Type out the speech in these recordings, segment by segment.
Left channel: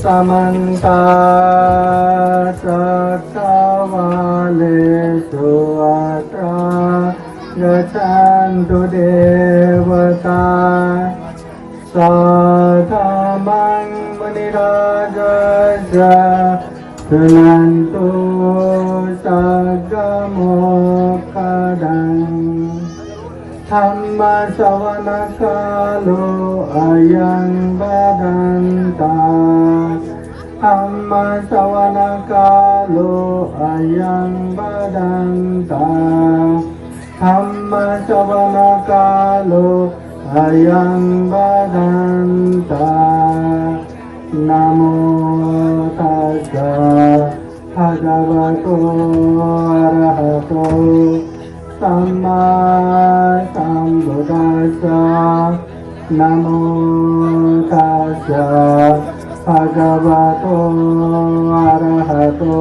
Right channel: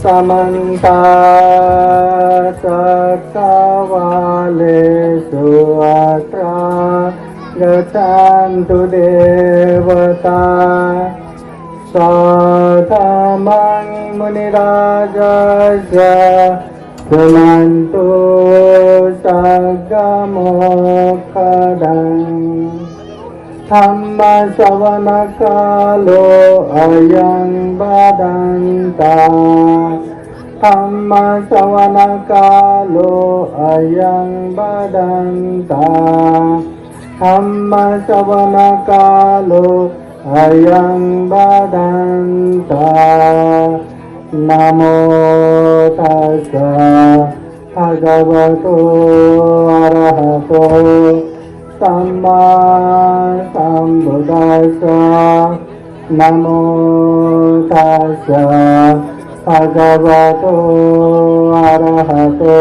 समन्ता चक्रवालेषु अत्र गच्छन्तु देवता सधमं मुनिराजस्य शृण्वन्तु सद्गमोक्षदम् धम्मश्रवणकालो अयं बदन्ता धम्मश्रवणकालो अयं बदन्ता धम्मश्रवणकालो अयं बदन्ता नमो तस्स भगवतो अरहतो सम्मा सम्बुद्धास्स नमो तस्स भगवतो अरहतो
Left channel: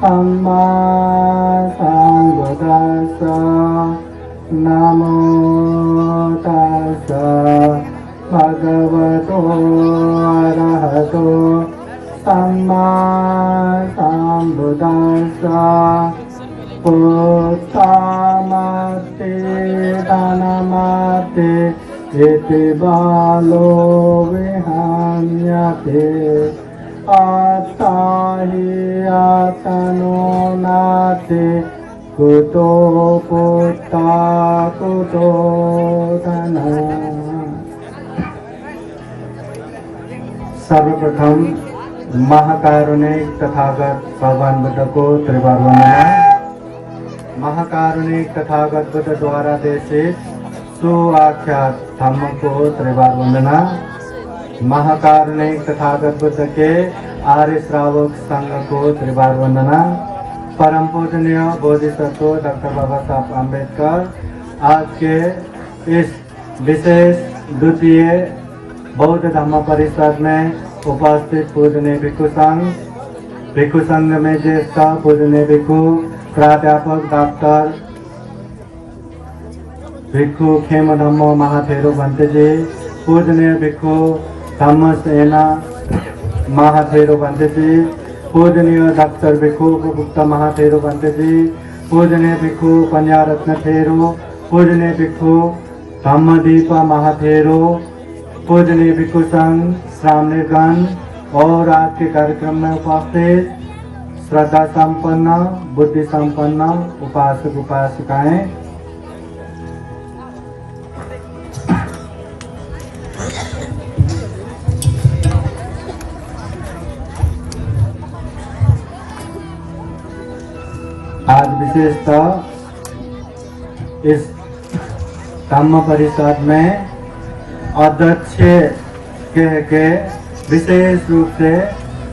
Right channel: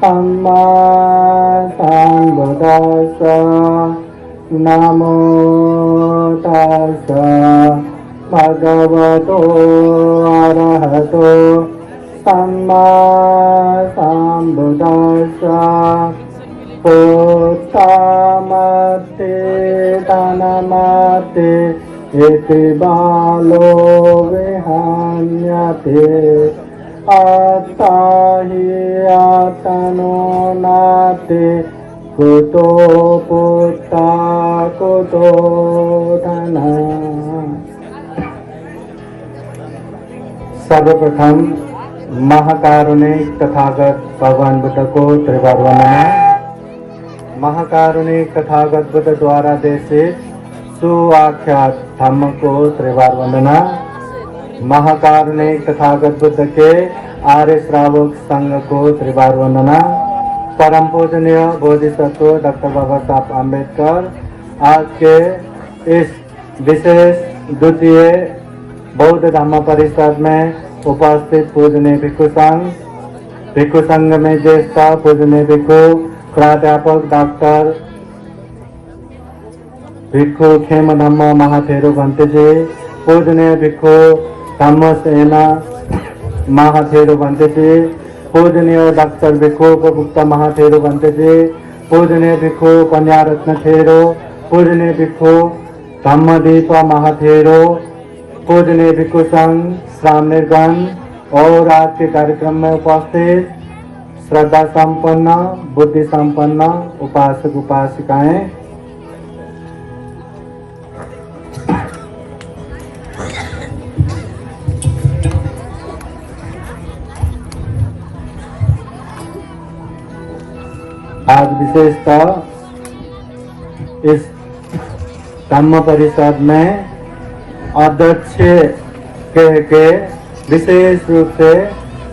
सम्मा सम्बुद्धास्स नमो तस्स भगवतो अरहतो सम्मा सम्बुद्धास्स पुत्तमते धनमते इति बालो विहन्यते अत्ताहि आत्मनो नाते कुतो पुत्ता कुतो धनम्। सर्वप्रथम महाकारुणिक तथागत भगवान बुद्ध को त्रिवार वंदना। महाकारुणिक तथागत बुद्ध द्वारा देशित सुआख्यात धम्म को त्रिवार वंदना। महाकारुणिक तथागत बुद्ध के आर्य श्रावक संघ को त्रिवार वंदना। परम पूजनीय बोधिसत्व डॉक्टर बाबा साहब अम्बेडकर आज के इस विशेष द्वितीय बौद्ध धम्म परिषद में उपस्थित पूजनीय भिक्षु संघ में ज्येष्ठ पूजनीय भिक्षु प्राध्यापक डॉक्टर भिक्षु खेम धम्म महाथेरो भंते जी, पूजनीय भिक्षु धम्म सेना महाथेरो भंते जी, पूजनीय डॉक्टर भिक्षु गुप्ता महाथेरो भंते जी, पूजनीय भिक्षु कन्या रत्न थेरो, पूजनीय भिक्षु धम्मदीप महाथेरो, पूजनीय भिक्षु संघ श्रावणगण और आज के कार्यक्रम में उपस्थित श्रद्धा संपन्न बुद्धि संपन्न उपासक उपासिकाएं, आज विशेषतः इस धम्म परिषद में अध्यक्ष के विशेष रूप से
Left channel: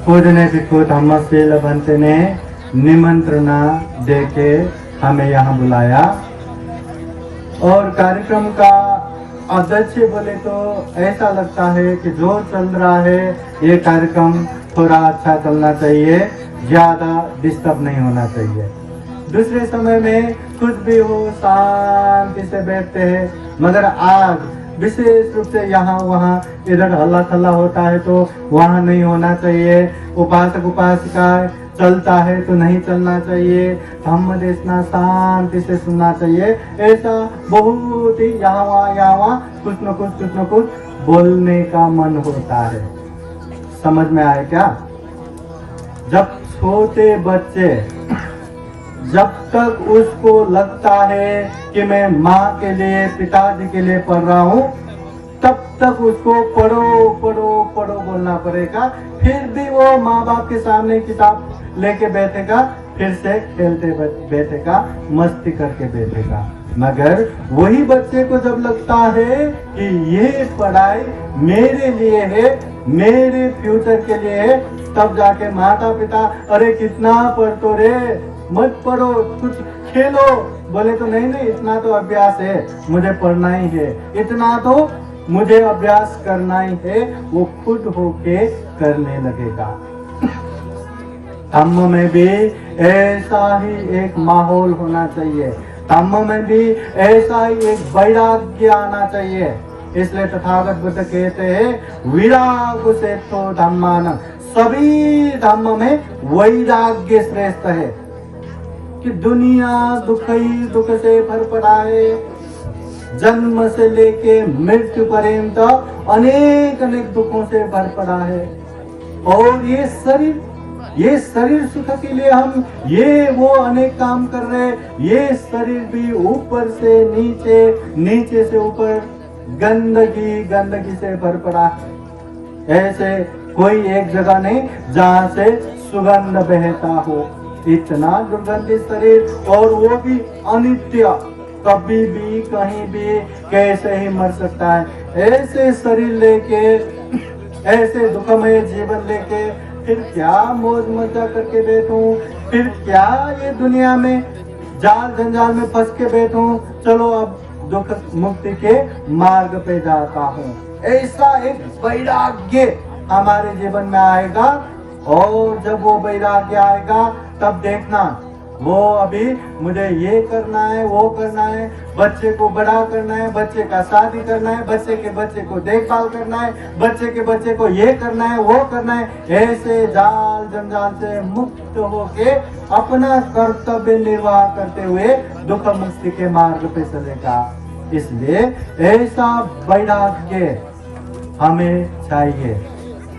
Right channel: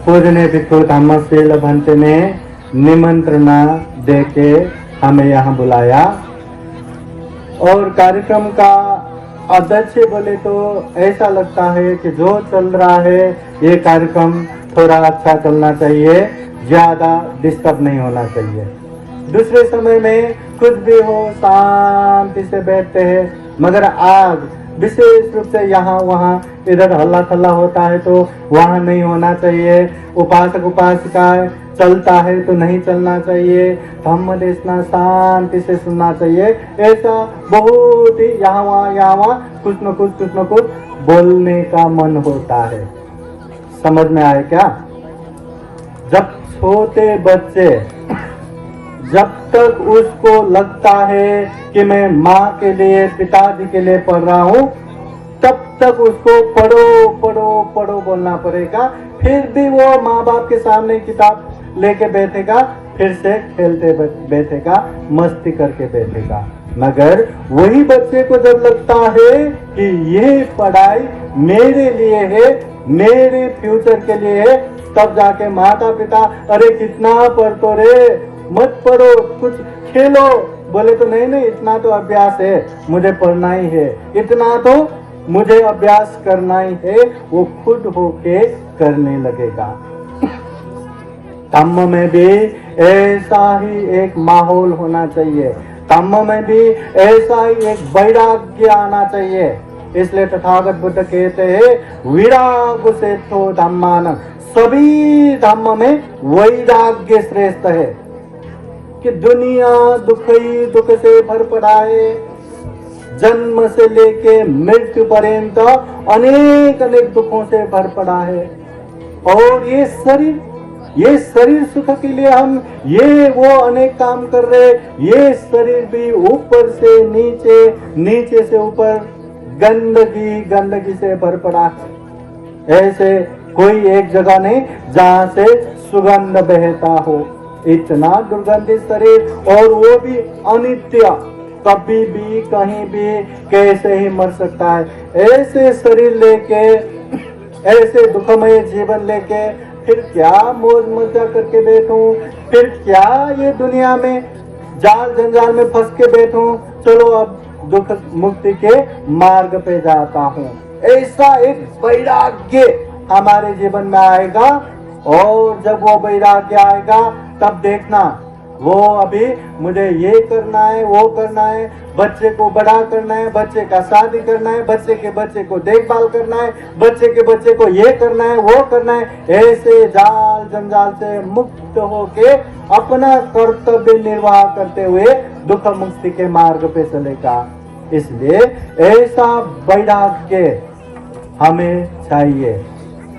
पूजनीय भिक्षु धम्मशील भंते ने निमंत्रण देके हमें यहाँ बुलाया और कार्यक्रम का अध्यक्ष बोले तो ऐसा लगता है कि जो चल रहा है ये कार्यक्रम थोड़ा अच्छा चलना चाहिए, ज्यादा डिस्टर्ब नहीं होना चाहिए। दूसरे समय में कुछ भी हो शांति से बैठते हैं, मगर आज विशेष रूप से यहाँ वहाँ इधर हल्ला खल्ला होता है तो वहाँ नहीं होना चाहिए। उपासक उपासिका चलता है तो नहीं चलना चाहिए, धम्म देशना शांति से सुनना चाहिए। ऐसा बहुत ही यहाँ वहाँ कुछ न कुछ बोलने का मन होता है। समझ में आए क्या? जब छोटे बच्चे जब तक उसको लगता है कि मैं माँ के लिए पिताजी के लिए पढ़ रहा हूँ, तब तक उसको पढ़ो बोलना पड़ेगा। फिर भी वो माँ बाप के सामने किताब लेके बैठेगा, फिर से खेलते बैठेगा, मस्ती करके बैठेगा। मगर वही बच्चे को जब लगता है कि ये पढ़ाई मेरे लिए है, मेरे फ्यूचर के लिए है, तब जाके माता पिता अरे कितना पढ़तो रे, मत पढ़ो, कुछ खेलो। बोले तो नहीं नहीं, इतना तो अभ्यास है, मुझे पढ़ना ही है, इतना तो मुझे अभ्यास करना ही है। वो खुद होके करने लगेगा। धम्म में भी ऐसा ही एक माहौल होना चाहिए, धम्म में भी ऐसा ही एक वैराग्य आना चाहिए। इसलिए तथागत बुद्ध कहते हैं विराग से तो धम्मान, सभी धम्म में वैराग्य श्रेष्ठ है। कि दुनिया दुख ही दुख से भर पड़ा है, जन्म से लेके मृत्यु पर्यंत अनेक अनेक दुखों से भर पड़ा है। और ये शरीर सुख के लिए हम ये वो अनेक काम कर रहे, ये शरीर भी ऊपर से नीचे, नीचे से ऊपर गंदगी से भर पड़ा है। ऐसे कोई एक जगह नहीं जहां से सुगंध बहता हो, इतना दुर्गंधित शरीर, और वो भी अनित्य, कभी भी कहीं भी कैसे ही मर सकता है। ऐसे शरीर लेके, ऐसे दुखमय जीवन लेके फिर क्या मौज मजा करके बैठूं, फिर क्या ये दुनिया में जाल जंजाल में फंस के बैठूं। चलो अब दुख मुक्ति के मार्ग पे जाता हूँ। ऐसा एक वैराग्य हमारे जीवन में आएगा, और जब वो वैराग्य आएगा तब देखना, वो अभी मुझे ये करना है, वो करना है, बच्चे को बड़ा करना है, बच्चे का शादी करना है, बच्चे के बच्चे को देखभाल करना है, बच्चे के बच्चे को ये करना है, वो करना है। ऐसे जाल जंजाल से मुक्त होके अपना कर्तव्य निर्वाह करते हुए दुख मुक्ति के मार्ग पे चलेगा। इसलिए ऐसा वैराग्य हमें चाहिए।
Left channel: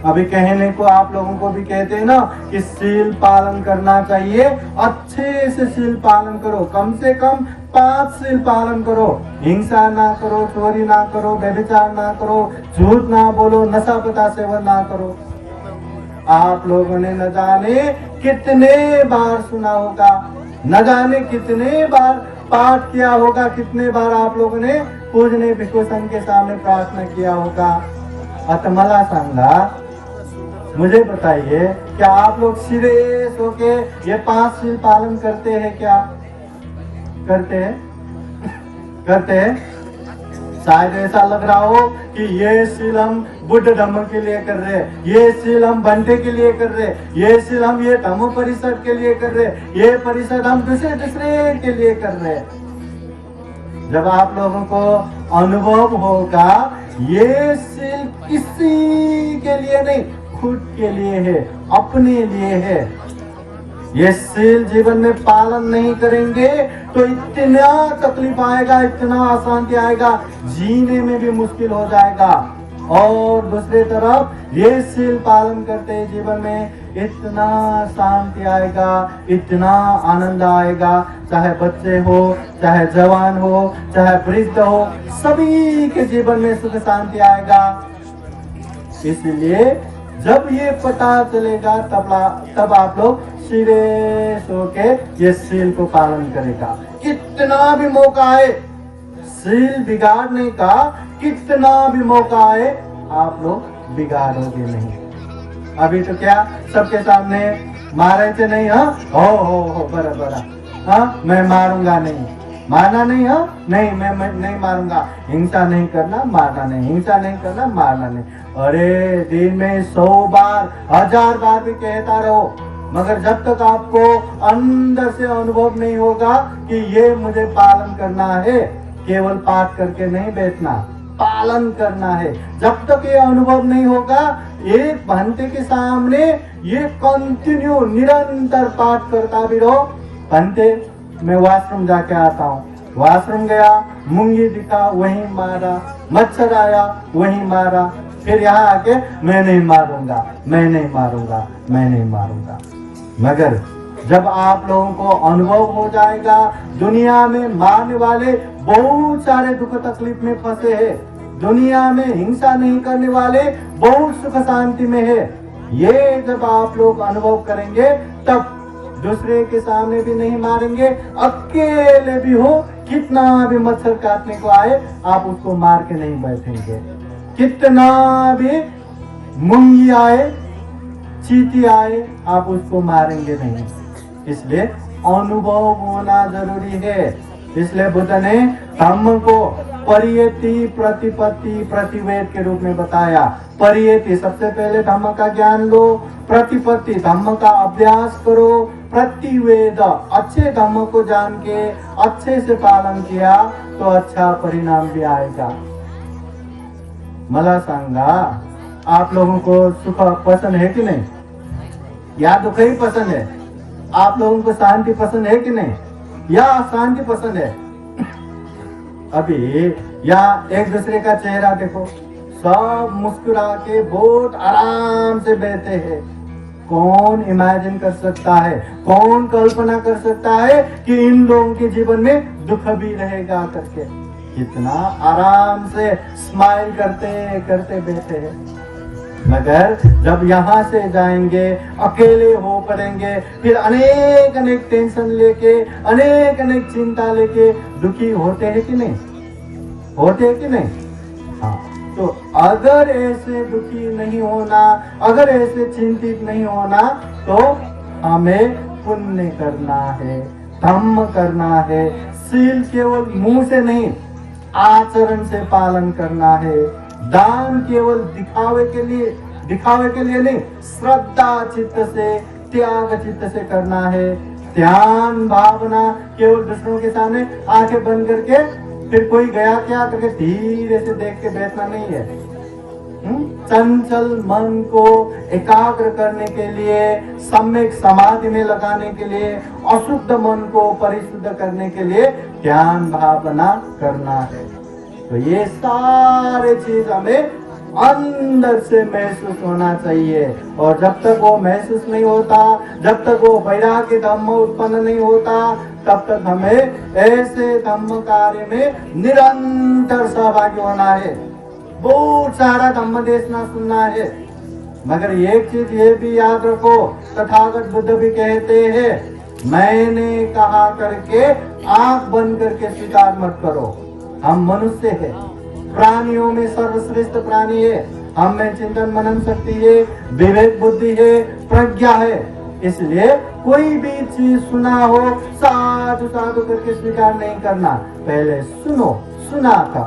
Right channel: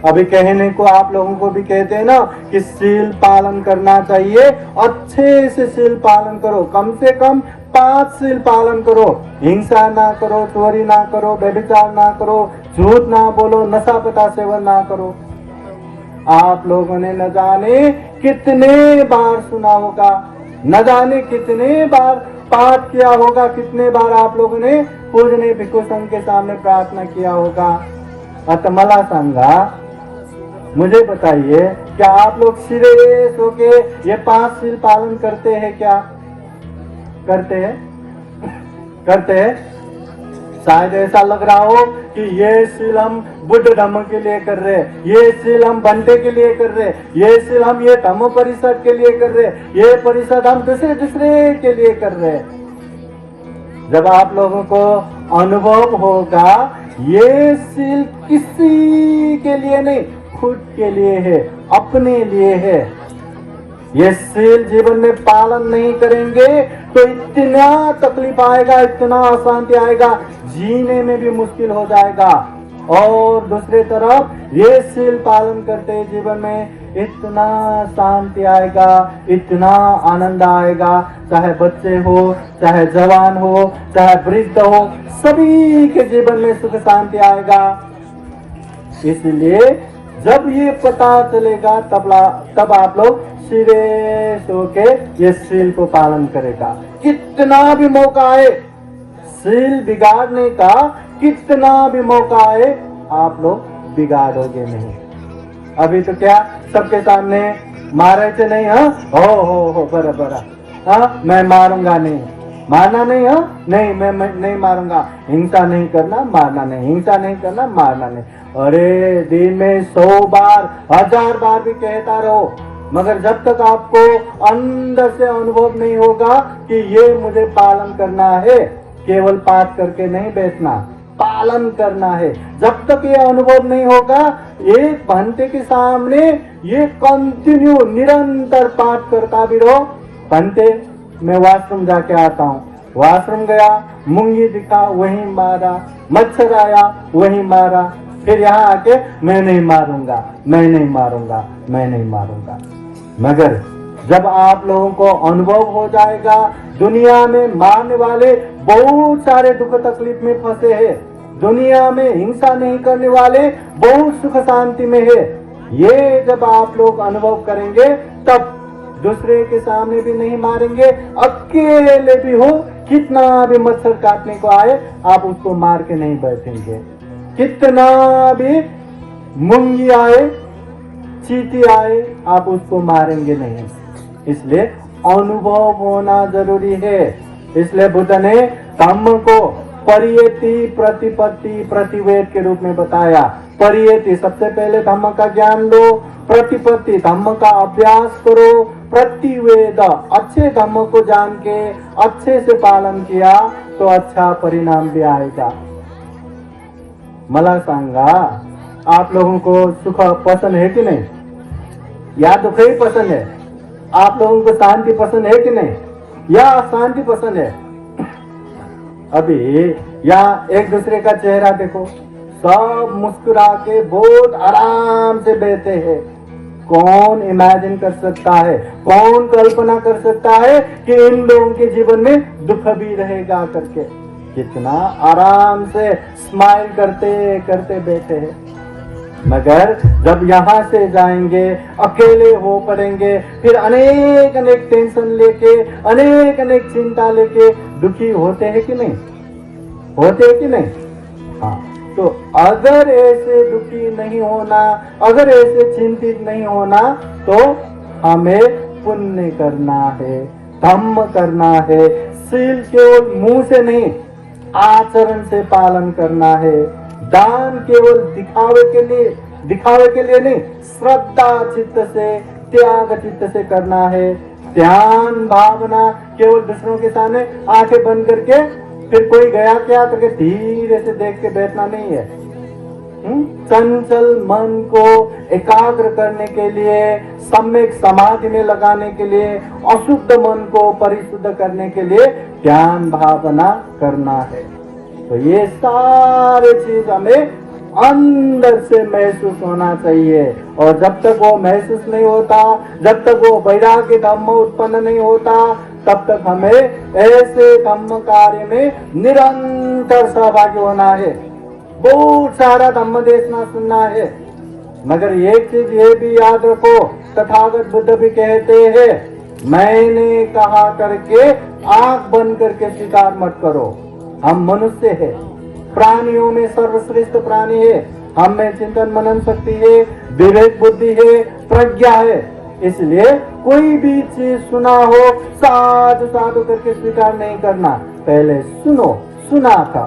अभी कहने को आप लोगों को भी कहते हैं ना कि शील पालन करना चाहिए, अच्छे से शील पालन करो, कम से कम 5 शील पालन करो। हिंसा ना करो, चोरी ना करो, व्यभिचार ना करो, झूठ ना बोलो, नशा पता सेवन ना करो। आप लोगों ने न जाने कितने बार सुना होगा, न जाने कितने बार पाठ किया होगा, कितने बार आप लोगों ने पूजने भिक्षु संघ के सामने प्रार्थना किया होगा। आता मला सांगा, मुझे बताइए, क्या आप लोग सीरियस होके ये 5 शील पालन करते हैं? क्या करते हैं? करते हैं? शायद ऐसा लग रहा हो कि ये शील हम बुद्ध धम्म के लिए कर रहे हैं, ये शील हम बंटे के लिए कर रहे हैं, ये शील हम ये धम्म परिषद के लिए कर रहे हैं, ये परिषद हम दूसरे के लिए कर रहे हैं। जब आप लोगों को अनुभव होगा ये शील किसी के लिए नहीं, खुद के लिए है, अपने लिए है। ये शील जीवन में पालन नहीं करेंगे तो इतना तकलीफ आएगा, इतना अशांति आएगा, जीने में भी मुश्किल हो जाएगा। और दूसरे तरफ ये शील पालन करते जीवन में इतना शांति आएगा, इतना आनंद आएगा, चाहे बच्चे हो, चाहे जवान हो, चाहे वृद्ध हो, सभी के जीवन में सुख शांति आएगा। इसलिए जब ये पता चलेगा तब आप लोग सीरियस होके ये शील को पालन करेगा। कितना भी मौका आए शील बिगाड़ने का, कितना भी मौका आए आप लोग बिगाड़ोगे नहीं। अभी तो क्या सबके सामने मारे थे नहीं? हाँ हो बराबर, हाँ मैं मारूंगा नहीं, मारना नहीं, हाँ नहीं मैं नहीं मारूंगा, हिंसा नहीं करना, मारना नहीं, हिंसा नहीं करना, मारना नहीं। अरे दिन में 100 बार 1000 बार भी कहता रहो, मगर जब तक आपको अंदर से अनुभव नहीं होगा कि ये मुझे पालन करना है, केवल पाठ करके नहीं बैठना, पालन करना है। जब तक ये अनुभव नहीं होगा, एक घंटे के सामने ये कंटिन्यू निरंतर पाठ करता भी रहो। घंटे मैं वॉशरूम जाके आता हूँ, वॉशरूम गया, मुंगी दिखा वहीं मारा, मच्छर आया वहीं मारा, फिर यहाँ आके मैं नहीं मारूंगा, मैं नहीं मारूंगा, मैं नहीं मारूंगा। मगर जब आप लोगों को अनुभव हो जाएगा दुनिया में मारने वाले बहुत सारे दुख तकलीफ में फंसे हैं, दुनिया में हिंसा नहीं करने वाले बहुत सुख शांति में है, ये जब आप लोग अनुभव करेंगे तब दूसरे के सामने भी नहीं मारेंगे, अकेले भी हो, कितना भी मच्छर काटने को आए आप उसको मार के नहीं बैठेंगे, कितना भी मुंगी आए, चींटी आए, आप उसको मारेंगे नहीं। इसलिए अनुभव होना जरूरी है। इसलिए बुद्ध ने धम्म को परियति, प्रतिपत्ति, प्रतिवेद के रूप में बताया। परियति, सबसे पहले धम्म का ज्ञान लो। प्रतिपत्ति, धम्म का अभ्यास करो। प्रतिवेद, अच्छे धम्म को जान के अच्छे से पालन किया तो अच्छा परिणाम भी आएगा। मला सांगा, आप लोगों को सुख पसंद है कि नहीं, या दुख ही पसंद है? आप लोगों को शांति पसंद है कि नहीं, या शांति पसंद है? अभी यहाँ एक दूसरे का चेहरा देखो, सब मुस्कुरा के बहुत आराम से बैठे हैं। कौन इमेजिन कर सकता है, कौन कल्पना कर सकता है कि इन लोगों के जीवन में दुख भी रहेगा करके? कितना आराम से स्माइल करते करते बैठे हैं। मगर जब यहाँ से जाएंगे, अकेले हो पड़ेंगे, फिर अनेक अनेक टेंशन लेके, अनेक अनेक चिंता लेके दुखी होते हैं कि नहीं, होते हैं कि नहीं? हाँ, तो अगर ऐसे दुखी नहीं होना, अगर ऐसे चिंतित नहीं होना, तो हमें पुण्य करना है, धम्म करना है। सील केवल मुंह से नहीं, आचरण से पालन करना है। दान केवल दिखावे के लिए नहीं, श्रद्धा चित्त से, त्याग चित्त से करना है। ध्यान भावना केवल दूसरों के सामने आंखें बंद करके फिर कोई गया क्या करके धीरे से देख के बैठना नहीं है। चंचल मन को एकाग्र करने के लिए, सम्यक समाधि में लगाने के लिए, अशुद्ध मन को परिशुद्ध करने के लिए ध्यान भावना करना है। तो ये सारे चीज हमें अंदर से महसूस होना चाहिए। और जब तक वो महसूस नहीं होता, जब तक वो वैराग्य धम्म उत्पन्न नहीं होता, तब तक हमें ऐसे धम्म कार्य में निरंतर सहभागी होना है। बहुत सारा धम्म देखना सुनना है। मगर एक चीज ये भी याद रखो, तथागत बुद्ध भी कहते हैं, मैंने कहा करके आंख बंद करके स्वीकार मत करो। हम मनुष्य है, प्राणियों में सर्वश्रेष्ठ प्राणी है। हम में चिंतन मनन शक्ति है, विवेक बुद्धि है, प्रज्ञा है। इसलिए कोई भी चीज सुना हो, साधु साधु करके स्वीकार नहीं करना। पहले सुनो, सुना था,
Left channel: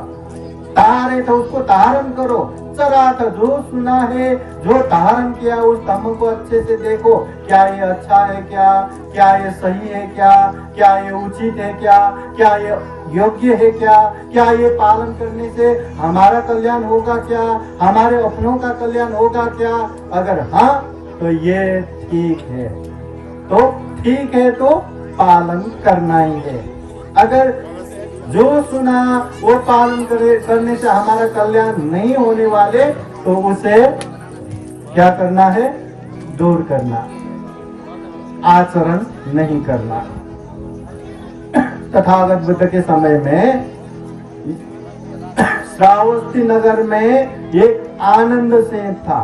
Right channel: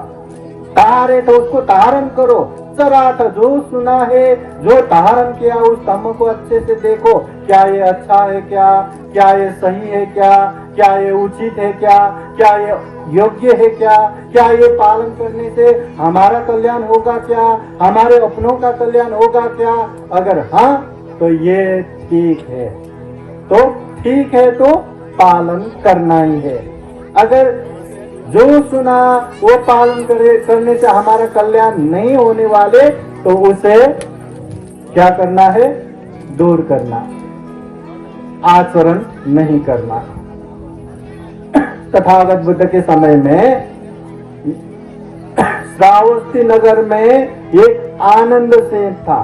तारे तो उसको धारण करो। चरा था, जो सुना है, जो धारण किया, उस धम्म को अच्छे से देखो। क्या ये अच्छा है, क्या ये सही है, क्या ये उचित है, क्या ये योग्य है, क्या ये पालन करने से हमारा कल्याण होगा, क्या हमारे अपनों का कल्याण होगा क्या? अगर हाँ तो ये ठीक है, तो पालन करना ही है। अगर जो सुना वो पालन करने से हमारा कल्याण नहीं होने वाले, तो उसे क्या करना है? दूर करना, आचरण नहीं करना। तथागत बुद्ध के समय में श्रावस्ती नगर में एक आनंद सेठ था।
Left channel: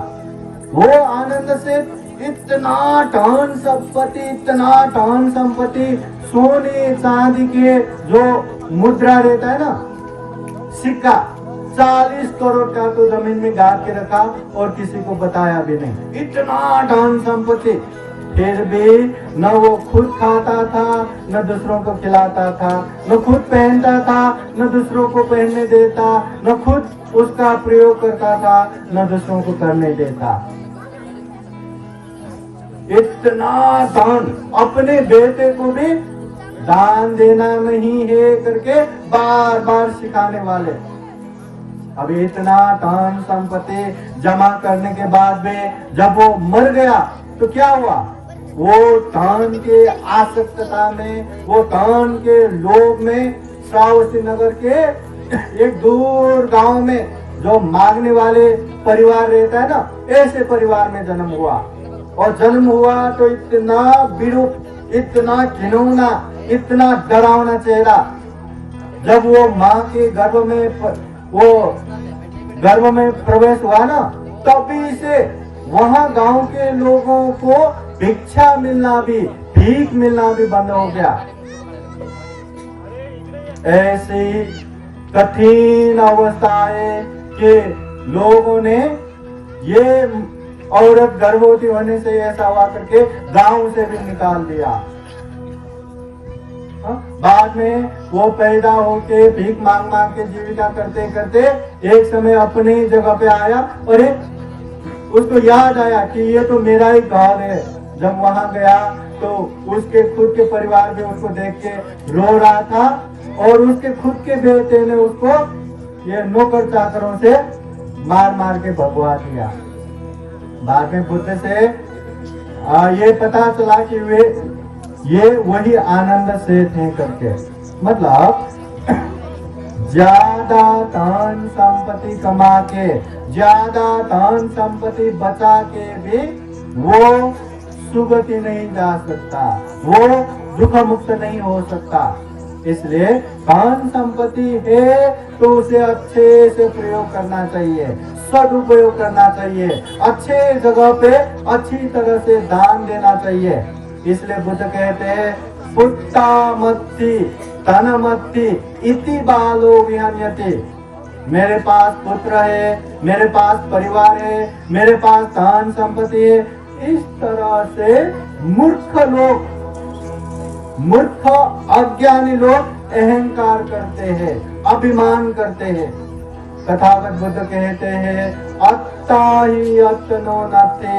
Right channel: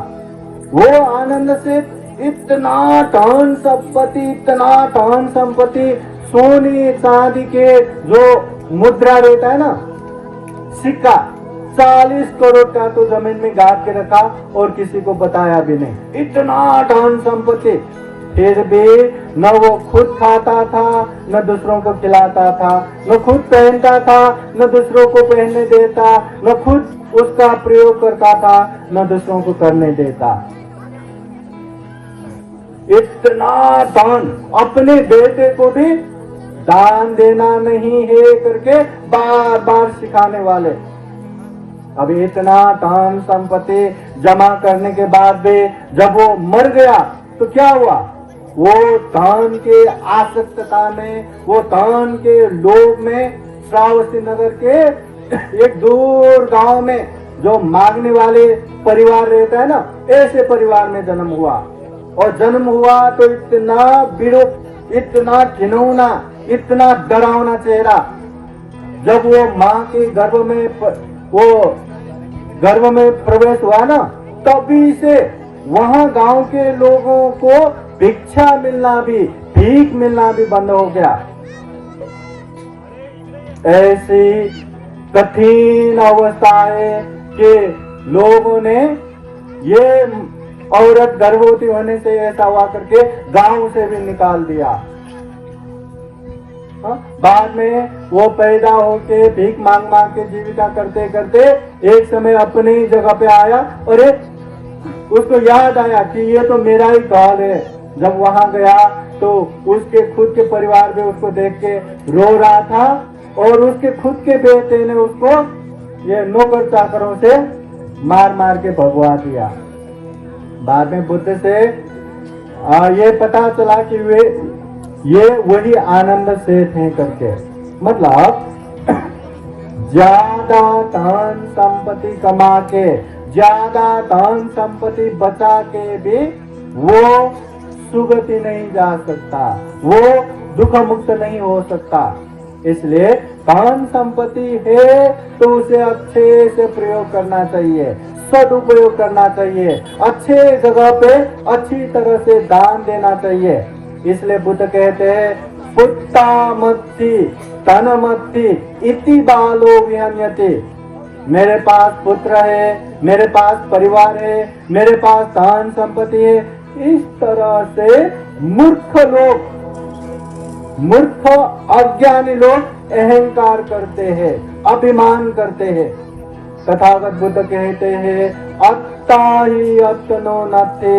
वो आनंद सेठ इतना धन संपत्ति, सोने चांदी के जो मुद्रा रहता है ना, सिक्का, 40 करोड़ का तो जमीन में गाड़ के रखा और किसी को बताया भी नहीं। इतना धन संपत्ति, फिर भी न वो खुद खाता था, न दूसरों को खिलाता था, न खुद पहनता था, न दूसरों को पहनने देता, न खुद उसका प्रयोग करता था, न दूसरों को करने देता। इतना दान, अपने बेटे को भी दान देना नहीं है करके बार बार सिखाने वाले। अभी इतना दान संपत्ति जमा करने के बाद भी जब वो मर गया तो क्या हुआ? वो दान के आसक्तता में, वो दान के लोभ में, श्रावस्ती नगर के एक दूर गांव में जो मांगने वाले परिवार रहता है ना, ऐसे परिवार में जन्म हुआ। और जन्म हुआ तो इतना विरूप, इतना घिनौना, इतना डरावना चेहरा। जब वो माँ के गर्भ में प्रवेश हुआ ना, तभी से वहाँ गांव के लोगों को भिक्षा मिलना भी, भीख मिलना भी बंद हो गया। ऐसी कठिन अवस्था है कि लोगों ने ये औरत गर्भवती होने से ऐसा हुआ करके गांव से भी निकाल दिया। बाद में वो पैदा होके भीख मांग मांग के जीविका करते करते एक समय अपने ही जगह पे आया और उसको याद आया कि ये तो मेरा ही गांव है। जब वहां गया तो उसके खुद के परिवार में उसको देख के रो रहा था और उसके खुद के बेटे ने उसको ये नौकर चाकरों से मार मार के भगवा दिया। बाद में बुद्ध से ये पता चला कि ये वही आनंद से थे करके, मतलब ज्यादा धन संपत्ति कमा के, ज्यादा धन संपत्ति बचा के भी वो सुगति नहीं जा सकता, वो दुख मुक्त नहीं हो सकता। इसलिए धन संपत्ति है तो उसे अच्छे से प्रयोग करना चाहिए, सदुपयोग करना चाहिए, अच्छे जगह पे अच्छी तरह से दान देना चाहिए। इसलिए बुद्ध कहते हैं पुत्ता मत्ति तनमत्ति इति बालो विहन्यते। मेरे पास पुत्र है, मेरे पास परिवार है, मेरे पास धन संपत्ति है, इस तरह से मूर्ख अज्ञानी लोग अहंकार करते हैं, अभिमान करते हैं। तथागत बुद्ध कहते हैं अत्ता ही अत्नो नत्थे,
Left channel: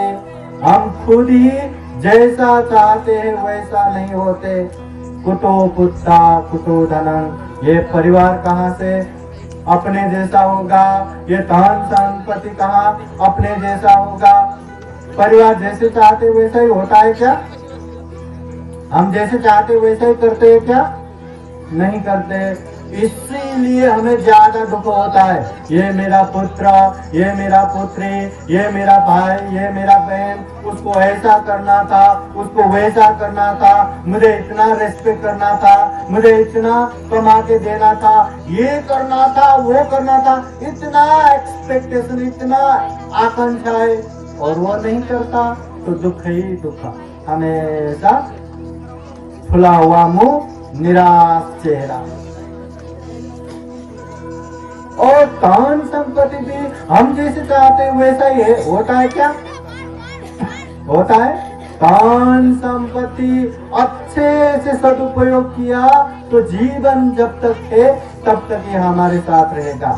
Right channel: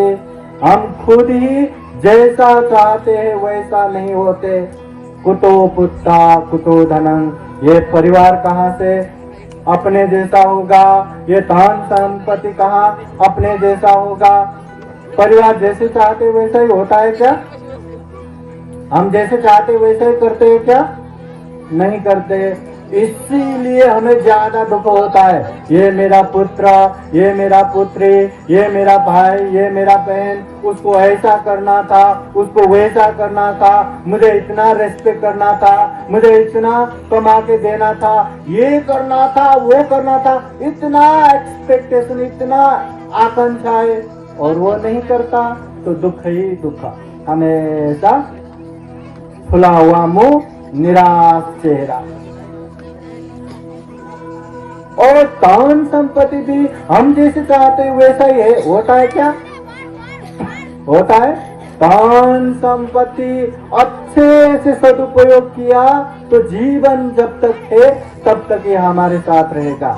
हम खुद ही जैसा चाहते हैं वैसा नहीं होते। कुतो पुत्ता कुतो धनम, ये परिवार कहाँ से अपने जैसा होगा, ये धन संपत्ति कहाँ अपने जैसा होगा। परिवार जैसे चाहते वैसा ही होता है क्या? हम जैसे चाहते वैसे ही करते हैं क्या? नहीं करते। इसीलिए हमें ज्यादा दुख होता है। ये मेरा पुत्र, ये मेरा पुत्री, ये मेरा भाई, ये मेरा बहन, उसको ऐसा करना था, उसको वैसा करना था, मुझे इतना रेस्पेक्ट करना था, मुझे इतना कमा के देना था, ये करना था, वो करना था, इतना एक्सपेक्टेशन, इतना आकांक्षा है और वो नहीं करता तो दुख ही दुख। हमेशा खुला हुआ मुंह, निराश चेहरा। और धन संपत्ति भी हम जैसे चाहते हैं वैसा ही है, होता है क्या? होता है। धन संपत्ति अच्छे से सदुपयोग किया तो जीवन जब तक है तब तक ये हमारे साथ रहेगा।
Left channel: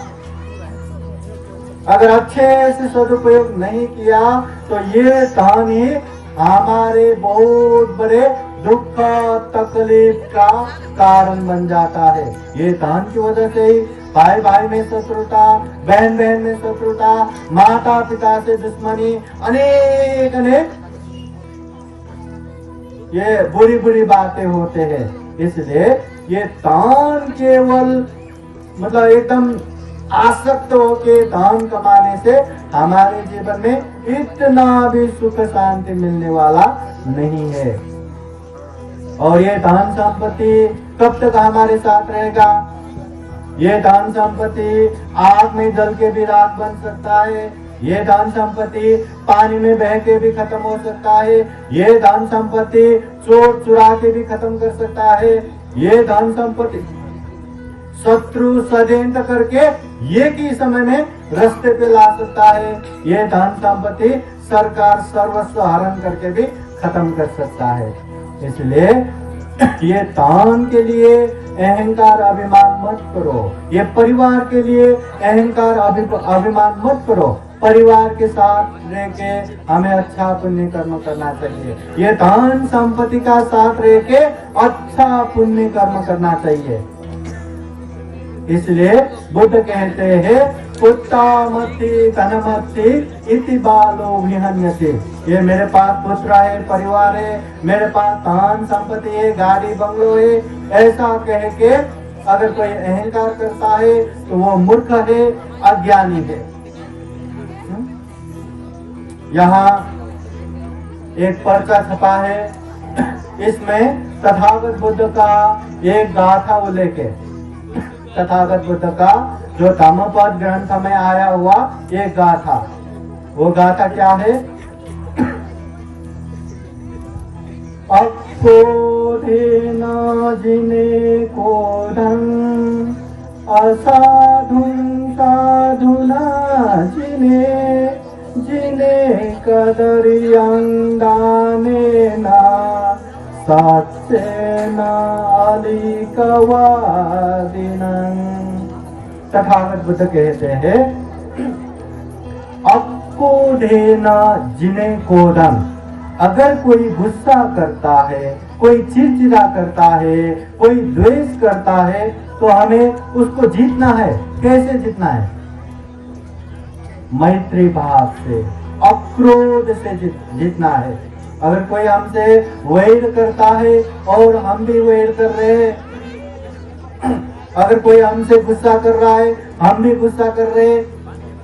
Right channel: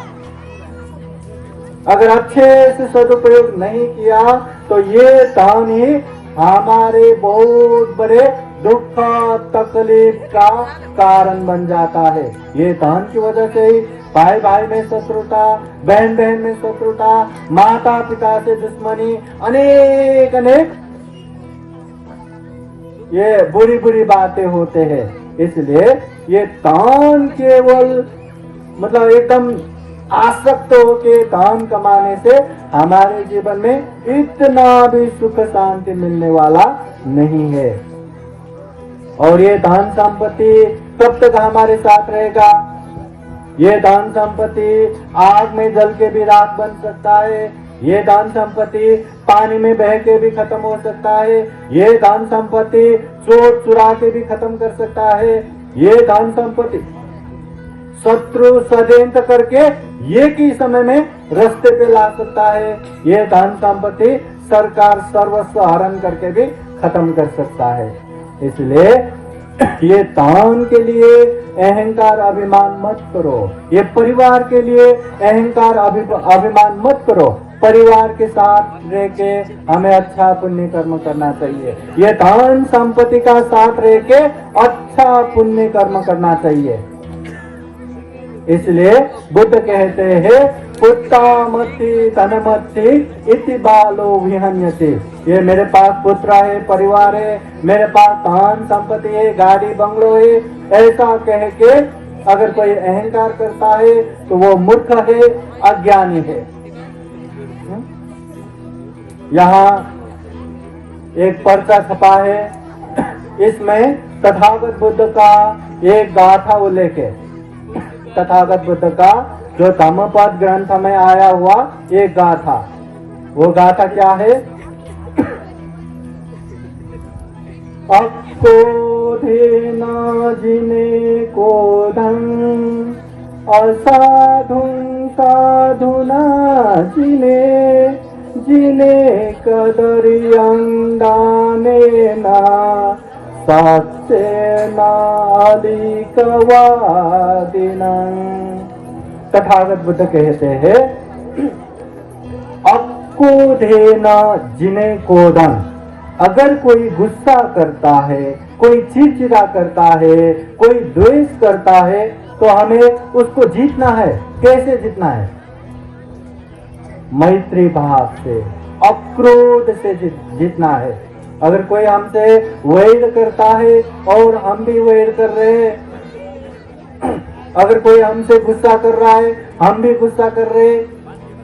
अगर अच्छे से सदुपयोग नहीं किया तो ये धन ही हमारे बहुत बड़े दुख तकलीफ का कारण बन जाता है। ये धन की वजह से ही भाई भाई में शत्रुता, बहन बहन में शत्रुता, माता पिता से दुश्मनी, अनेक अनेक ये बुरी बुरी बातें होते हैं। इसलिए ये धन केवल मतलब एकदम आसक्त होके धन कमाने से हमारे जीवन में इतना भी सुख शांति मिलने वाला नहीं है। और ये धन संपत्ति कब तक हमारे साथ रहेगा? ये धन संपत्ति आग में जल के भी राख बन सकता है, ये धन संपत्ति पानी में बह के भी खत्म हो सकता है, ये धन संपत्ति चोर चुरा के भी खत्म कर सकता है, ये धन संपत्ति शत्रु षड्यंत्र करके एक ही समय में रास्ते पे ला सकता है, ये धन संपत्ति सरकार सर्वस्व हरण करके भी खत्म कर सकता है। इसलिए ये धन के लिए अहंकार अभिमान मत करो, ये परिवार के लिए अहंकार अभिमान मत करो। परिवार के साथ रह के हमें अच्छा पुण्य कर्म करना चाहिए, ये धन संपत्ति का साथ रह के अच्छा पुण्य कर्म करना चाहिए। इसलिए बुद्ध कहते हैं पुत्ता मत्ति तनमत्ति इति बालो विहन्यते। ये मेरे पास पुत्र है, परिवार है, मेरे पास धन संपत्ति है, गाड़ी बंगलो है, ऐसा कह के अगर कोई अहंकार करता है तो वो मूर्ख है, अज्ञानी है। यहाँ एक पर्चा छपा है, इसमें तथागत बुद्ध का एक गाथा उल्लेख है। तथागत बुद्ध का जो धम्मपद ग्रंथ में आया हुआ एक गाथा, वो गाथा क्या है? अक्रोधेन जिने क्रोधं, असाधु साधुना जिने, जिने कदर्यं दानेन, सच्चेनालिकवादिनं। तथागत बुद्ध कहते हैं, अक्रोधेन जिने कोदन, अगर कोई गुस्सा करता है, कोई चिड़चिड़ा करता है, कोई द्वेष करता है, तो हमें उसको जीतना है। कैसे जीतना है? मैत्री भाव से, अक्रोध से जीतना है। अगर कोई हमसे वैर करता है और हम भी वैर कर रहे हैं, अगर कोई हमसे गुस्सा कर रहा है, हम भी गुस्सा कर रहे हैं,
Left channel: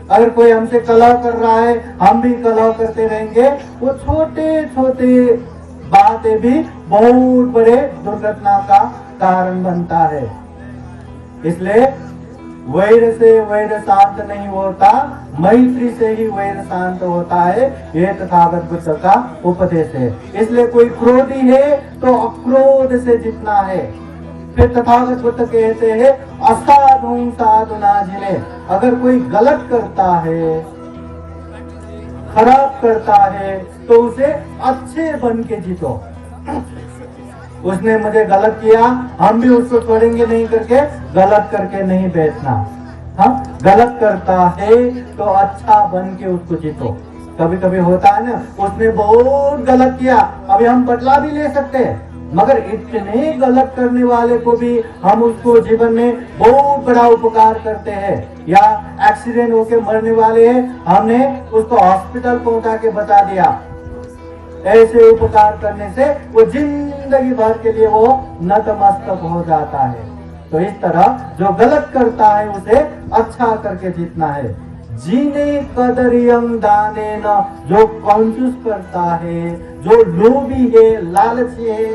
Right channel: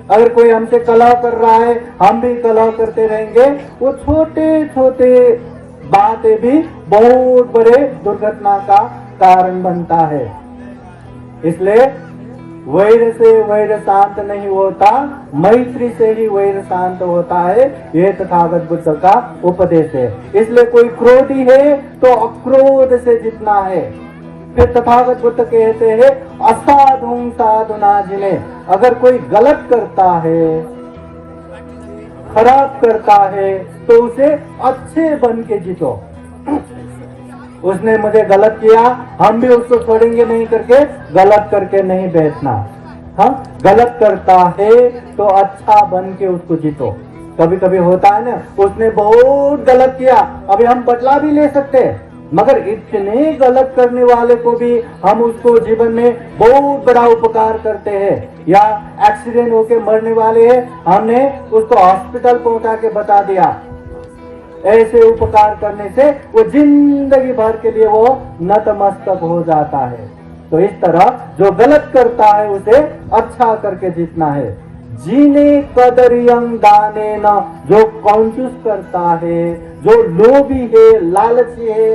अगर कोई हमसे कलह कर रहा है, हम भी कलह करते रहेंगे, वो छोटे छोटे बातें भी बहुत बड़े दुर्घटना का कारण बनता है। इसलिए वैर से वैर शांत नहीं होता, मैत्री से ही वैर शांत होता है। यह तथागत बुद्ध का उपदेश है। इसलिए कोई क्रोधी है तो अक्रोध से जीतना है। फिर तथागत बुद्ध कहते हैं, असाधु साधुना जिने, अगर कोई गलत करता है, खराब करता है, तो उसे अच्छे बन के जीतो। उसने मुझे गलत किया, हम भी उसको छोड़ेंगे नहीं करके गलत करके नहीं बैठना। हाँ, गलत करता है तो अच्छा बन के उसको जीतो। कभी कभी होता है ना, उसने बहुत गलत किया, अभी हम बदला भी ले सकते हैं, मगर इतने गलत करने वाले को भी हम उसको जीवन में बहुत बड़ा उपकार करते हैं। या एक्सीडेंट होके मरने वाले हैं, हमने उसको हॉस्पिटल पहुंचा के बता दिया। ऐसे उपकार करने से वो जिंदगी भर के लिए वो नतमस्तक हो जाता है। तो इस तरह जो गलत करता है उसे अच्छा करके जीतना है। जीने कदरियम दाने न, जो कंजूस करता है, जो लोभी है, लालची है,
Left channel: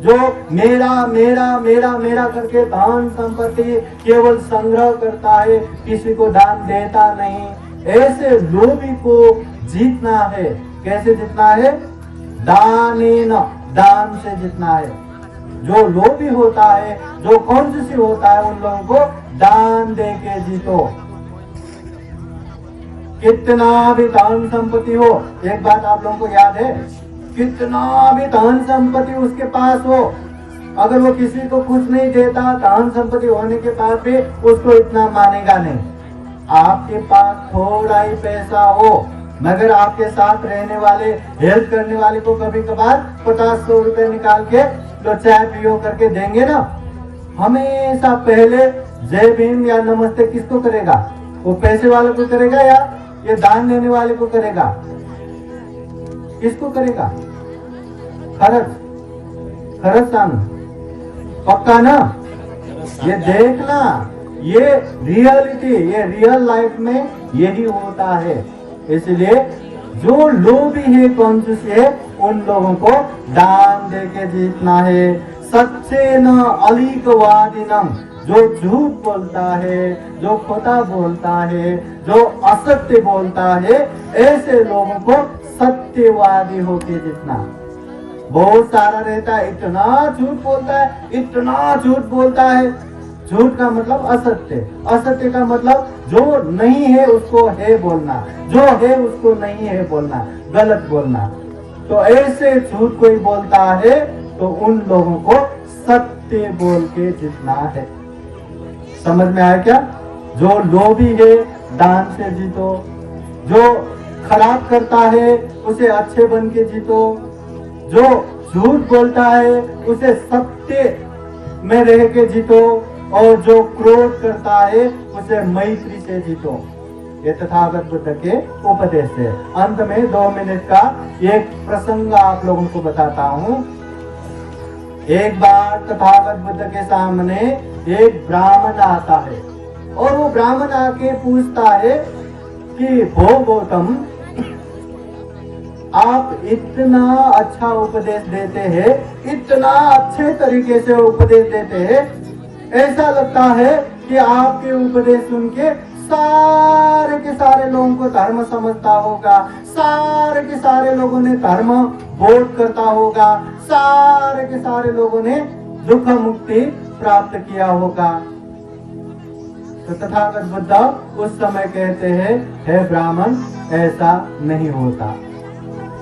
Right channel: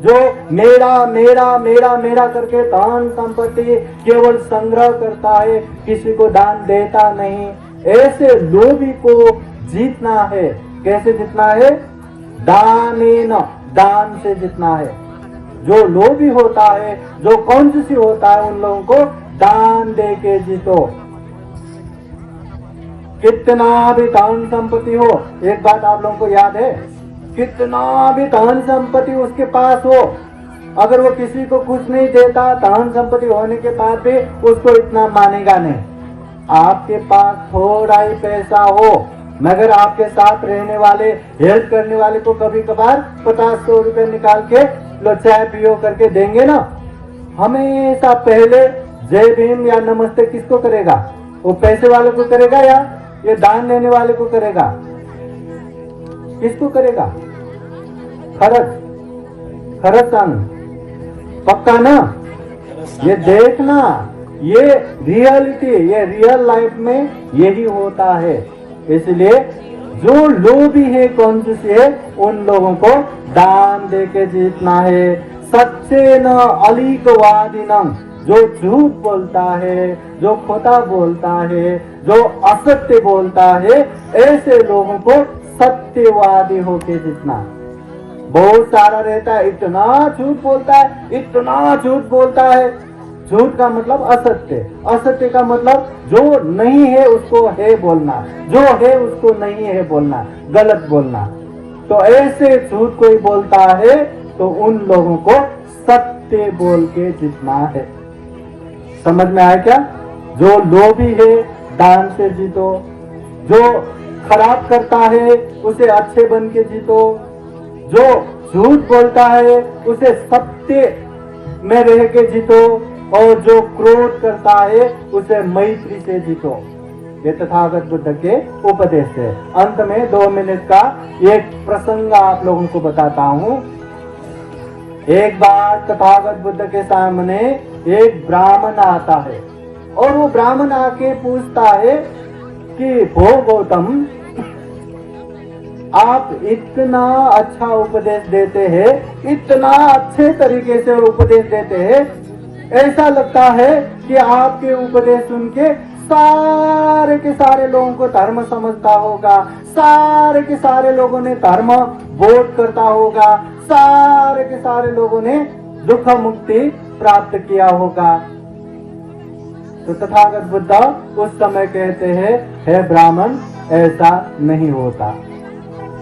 जो मेरा मेरा मेरा मेरा करके धन संपत्ति केवल संग्रह करता है, किसी को दान देता नहीं, ऐसे लोभी को जीतना है। कैसे जीतना है? दानेन, दान से जीतना है। जो लोभी होता है, जो कंजूसी होता है, उन लोगों को दान दे के जीतो। कितना भी धन संपत्ति हो, एक बात आप लोगों को याद है, कितना भी धन संपत्ति उसके पास हो, अगर वो किसी को कुछ नहीं देता, धन संपत्ति होने के बाद भी उसको इतना मानेगा नहीं। आपके पास थोड़ा ही पैसा हो, मगर आपके साथ रहने वाले, हेल्प करने वाले को कभी कभार 50-100 रुपए निकाल के लो चाय पियो करके देंगे ना, हमेशा पहले जय भीम या नमस्ते किसको करेगा? वो पैसे वाले को करेगा या ये दान देने वाले को करेगा? किसको करेगा? खरच संग पक्का ना? ये देखना, ये रियलिटी, ये रियल लाइफ में यही होता है। इसलिए जो लोभी है, कंजूस है, उन लोगों को दान देके जीतना है। सच्चे न अलिकवादिनम, जो झूठ बोलता है, जो खोटा बोलता है, जो असत्य बोलता है, ऐसे लोगों को सत्यवादी होके जीतना। बहुत सारा रहता है, इतना झूठ बोलता है, इतना झूठ बोलता है। झूठ का मतलब असत्य, असत्य का मतलब जो नहीं है उसको है बोलना, जो है उसको नहीं है बोलना, गलत बोलना। तो ऐसे झूठ कोई बोलता है तो उन लोगों को सत्य बोल के जीतना है। समझ में आया क्या? जो लोभी है दान से जीतो, जो खराब करता है उसे अच्छे बन के जीतो, जो झूठ बोलता है उसे सत्य में रह के जीतो, और जो क्रोध करता है उसे मैत्री से जीतो। ये तथागत बुद्ध के उपदेश है। अंत में 2 मिनट का एक प्रसंग आप लोगों को बताता हूँ। एक बार तथागत बुद्ध के सामने एक ब्राह्मण आता है और वो ब्राह्मण आके पूछता है कि हो गौतम, आप इतना अच्छा उपदेश देते हैं, इतना अच्छे तरीके से उपदेश देते हैं, ऐसा लगता है कि आपके उपदेश सुन के सारे के सारे लोगों को धर्म समझता होगा, सारे के सारे लोगों ने धर्म बोध करता होगा, सारे के सारे लोगों ने दुख मुक्ति प्राप्त किया होगा। तो तथागत बुद्ध उस समय कहते हैं, हे ब्राह्मण, ऐसा नहीं होता।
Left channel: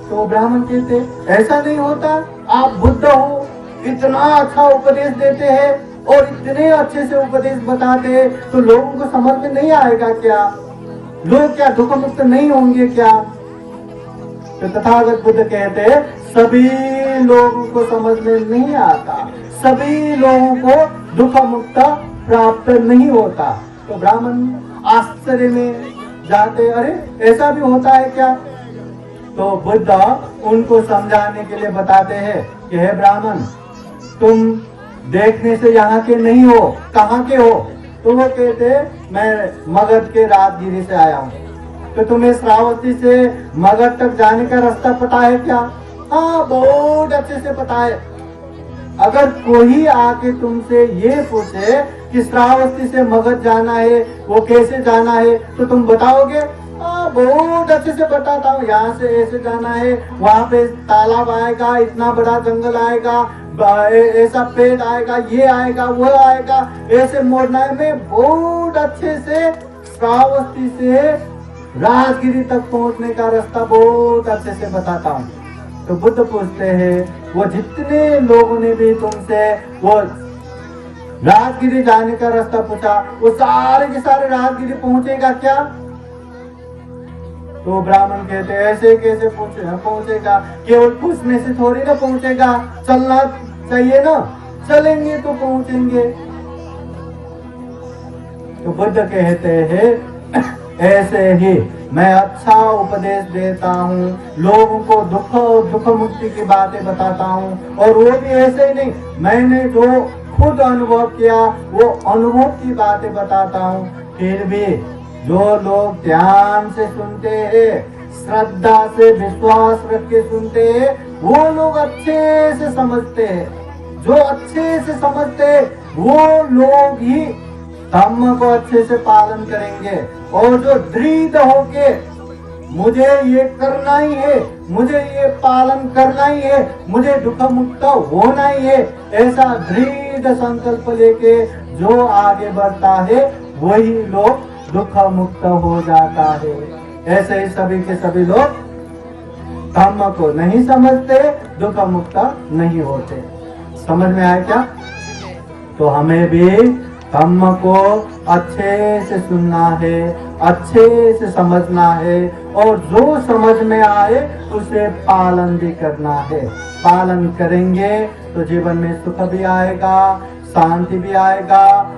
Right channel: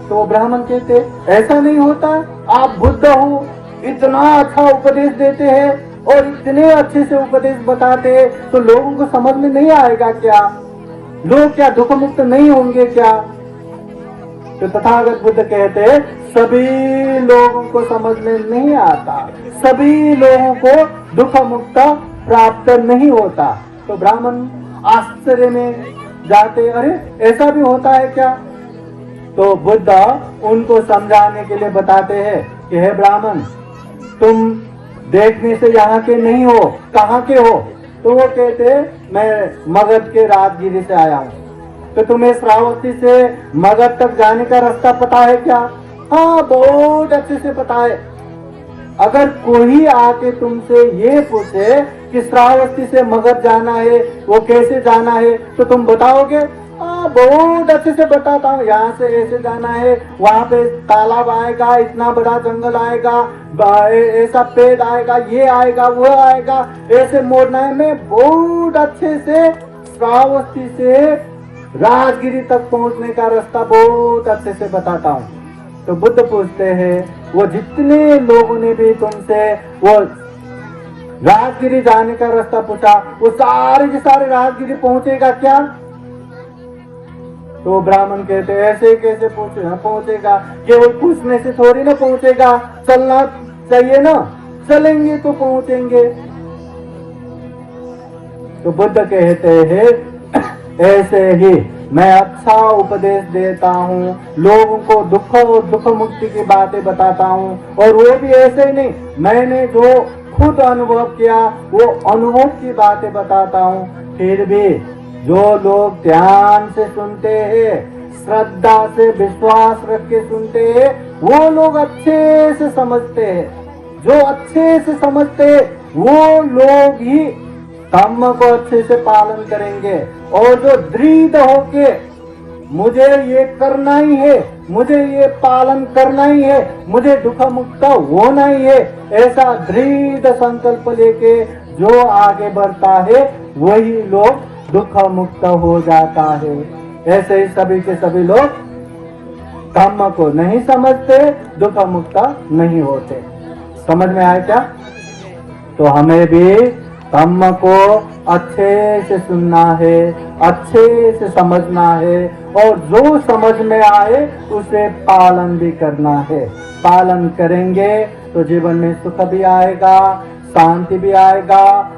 तो ब्राह्मण कहते ऐसा नहीं होता, आप बुद्ध हो, इतना अच्छा उपदेश देते हैं और इतने अच्छे से उपदेश बताते हैं, तो लोगों को समझ में नहीं आएगा क्या? लोग क्या दुख मुक्त नहीं होंगे क्या? तो तथागत बुद्ध कहते हैं सभी लोगों को समझ में नहीं आता, सभी लोगों को दुख मुक्त प्राप्त नहीं होता। तो ब्राह्मण आश्चर्य में जाते, अरे ऐसा भी होता है क्या? तो बुद्ध उनको समझाने के लिए बताते हैं कि हे ब्राह्मण, तुम देखने से यहाँ के नहीं हो, कहाँ के हो? तो वो कहते मैं मगध के राजगिरी से आया हूँ। तो तुम्हें श्रावस्ती से मगध तक जाने का रास्ता पता है क्या? हाँ, बहुत अच्छे से पता है। अगर कोई आके तुमसे ये पूछे कि श्रावस्ती से मगध जाना है, वो कैसे जाना है, तो तुम बताओगे? हाँ, बहुत अच्छे से बताता हूँ, यहाँ से ऐसे जाना है, वहाँ पे तालाब आएगा, इतना बड़ा जंगल आएगा, ऐसा पेड़ आएगा, ये आएगा, वो आएगा, ऐसे मोड़ना है। मैं बहुत अच्छे से श्रावस्ती से राजगिरी तक पहुंचने का रास्ता बहुत अच्छे से बताता हूँ। तो बुद्ध पूछते हैं, वो जितने लोगों ने भी तुमसे वो राजगिरी जाने का रास्ता पूछा, वो सारे के सारे राजगिरी पहुंचेगा क्या? तो ब्राह्मण कहते ऐसे कैसे पहुंचेगा? केवल पूछने से थोड़ी ना पहुंचेगा, चलना चाहिए ना, चलेंगे तो पहुंचेंगे। तो बुद्ध कहते हैं ऐसे ही मैं अच्छा उपदेश देता हूँ, लोगों को दुख और दुख मुक्ति की बातें बताता हूँ, और वो भी ऐसे ही नहीं, मैंने जो खुद अनुभव किया वो अनुभव की बातें बताता हूँ। फिर भी जो लोग ध्यान से सुनते हैं, श्रद्धा से विश्वास रख के सुनते हैं, वो लोग अच्छे से समझते हैं। जो अच्छे से समझते हैं वो लोग ही धम्म को अच्छे से पालन करेंगे, और जो दृढ़ होके मुझे ये करना ही है, मुझे ये पालन करना ही है, मुझे दुख मुक्त होना ही है, ऐसा दृढ़ संकल्प लेके जो आगे बढ़ता है वही लोग दुख मुक्त हो जाता है। ऐसे ही सभी के सभी लोग धम्म को नहीं समझते, दुख मुक्त नहीं होते। समझ में आया क्या? तो हमें भी धम्म को अच्छे से सुनना है, अच्छे से समझना है, और जो समझ में आए उसे पालन भी करना है। पालन करेंगे तो जीवन में सुख भी आएगा, शांति भी आएगा,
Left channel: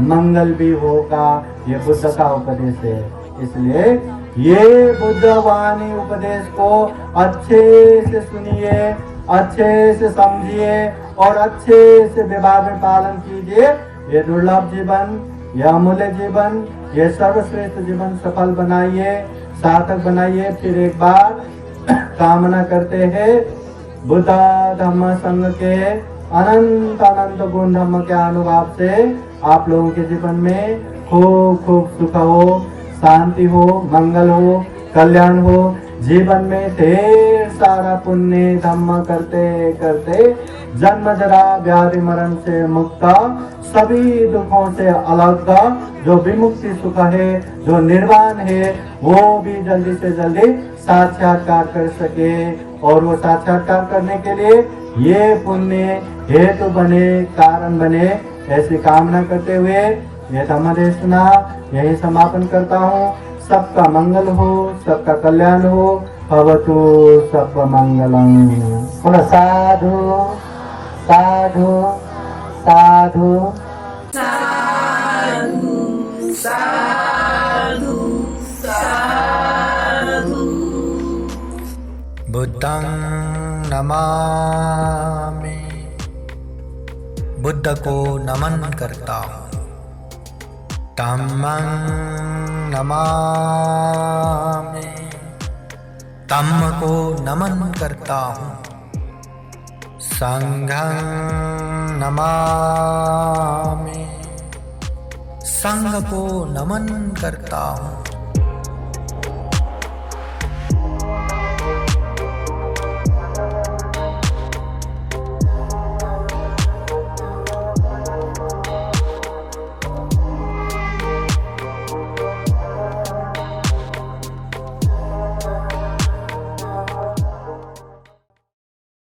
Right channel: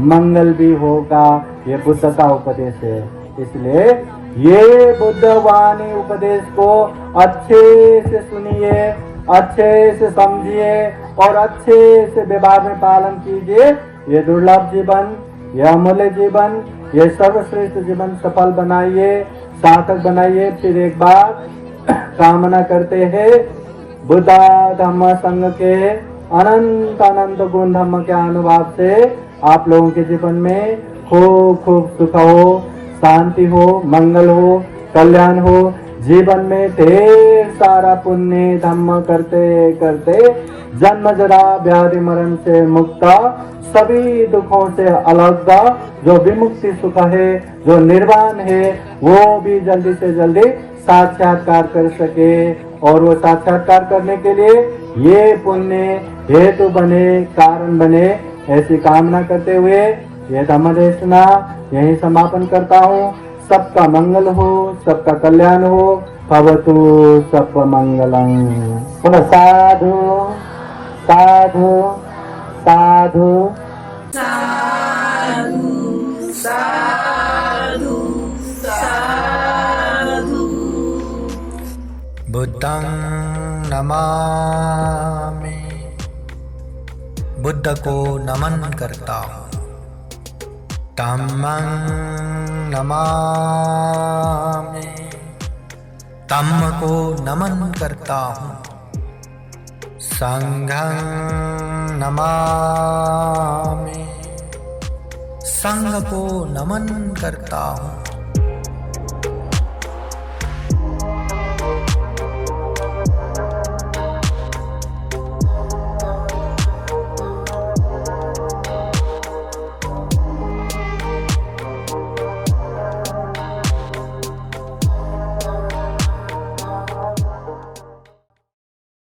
मंगल भी होगा। ये बुद्ध का उपदेश है। इसलिए ये बुद्ध वाणी उपदेश को अच्छे से सुनिए, अच्छे से समझिए और अच्छे से व्यवहार में पालन कीजिए। ये दुर्लभ जीवन, ये अमूल्य जीवन, ये सर्वश्रेष्ठ जीवन सफल बनाइए, सार्थक बनाइए। फिर एक बार कामना करते हैं बुद्ध धम्म संघ के अनंत अनंत गुण धम्म के अनुभव से आप लोगों के जीवन में खूब खूब सुख हो, शांति हो, मंगल हो, कल्याण हो। जीवन में ढेर सारा पुण्य धम्म करते करते जन्म जरा व्याधि मरण से मुक्त, सभी दुखों से अलग, जो विमुक्ति सुख है, जो निर्वाण है, वो भी जल्दी से जल्दी साक्षात्कार कर सके। और वो साक्षात्कार करने के लिए ये पुण्य हेतु बने, कारण बने, ऐसी कामना करते हुए ये धम्म देशना यही समापन करता हूँ। सबका मंगल हो, सबका कल्याण हो। भवतु सब मंगलम। साधु साधु साधु साधु साधु साधु। बुद्धं नमामि, बुद्ध को नमन करता हूँ। धम्मं नमामि, धम्म को नमन करता हूँ। संघं नमामि, संघ को नमन करता हूँ।